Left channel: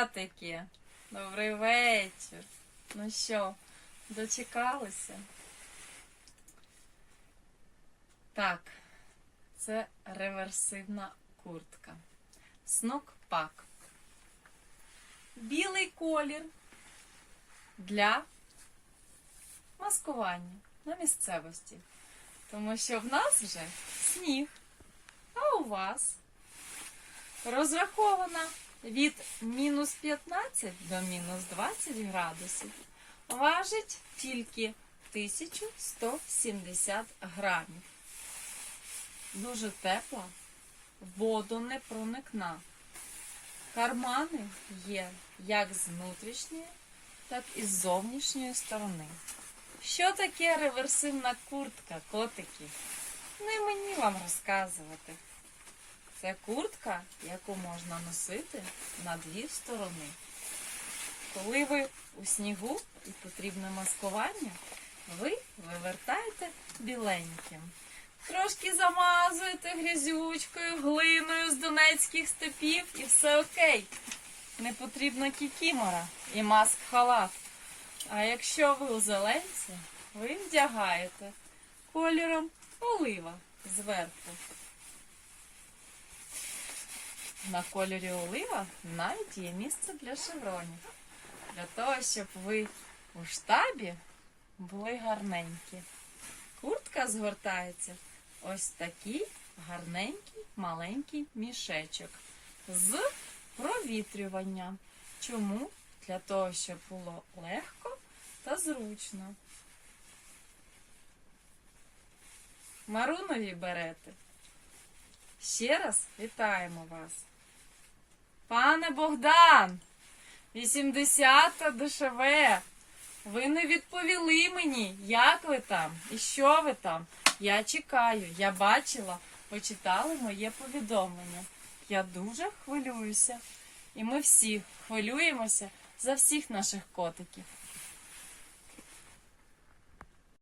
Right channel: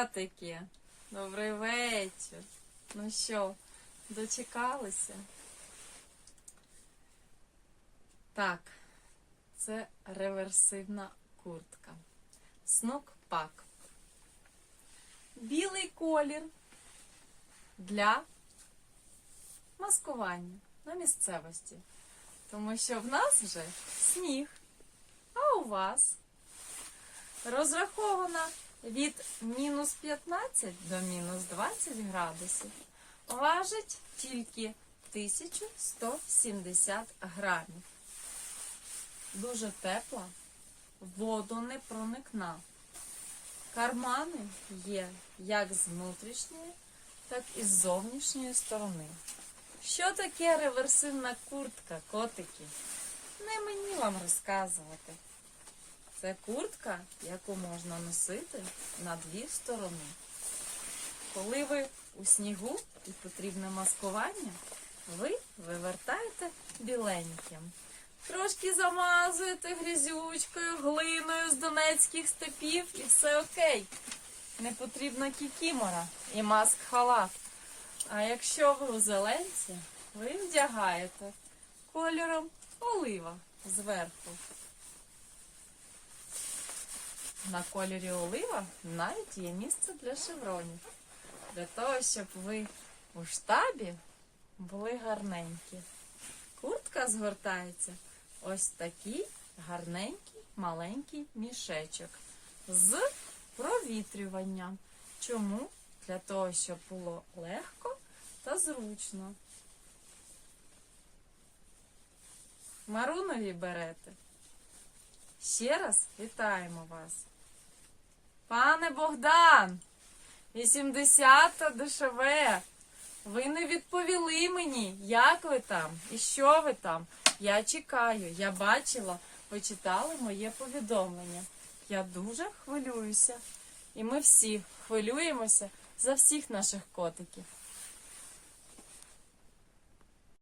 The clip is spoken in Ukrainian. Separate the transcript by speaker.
Speaker 1: Котики, добрий вечір. Ну що, дочекалися? Так, це реверсивна куртка. Снук пак. Білий колір для маскування на місцевості. Тому що в нас вже сніг, а у вас розрахована від мінус 15 до мінус 20 градусів. Важить тільки 1170 грамів. Дуже тепла, воду не проникна. Кармани є як з внутрішньої, так і з зовнішньої сторони. Що таке реверсивна куртка, котики? Не мені вам розказувати. Це куртка, яку можна носити на дві сторони. Коли ви у снігу і потрібне маскування, ви вивертаєте біленьким. Трошки замазуєте грязючкою, глиною з донецьких степів і все окей. Не потрібна кікімора і маск-халат. А якщо ви у зеленці, ви вдягаєте кольором олива зверху. На кольорі олива навіть є місце для шевронів. Для того, щоб ви у штабі були гарненькі. Куртка згортається ось такий гарненький маленький мішечок з провітрюванням. Чому? Для того, щоб було легко та зручно. Марунові берете. Ще раз вітаємо вас. Пане Богдан, 80-та дешеве. Ви не відповіли мені, як ви там і що ви там. Я чекаю, я бачила, ви читали моє повідомлення. Я дуже хвилююся. І ми всі хвилюємося за всіх наших котиків.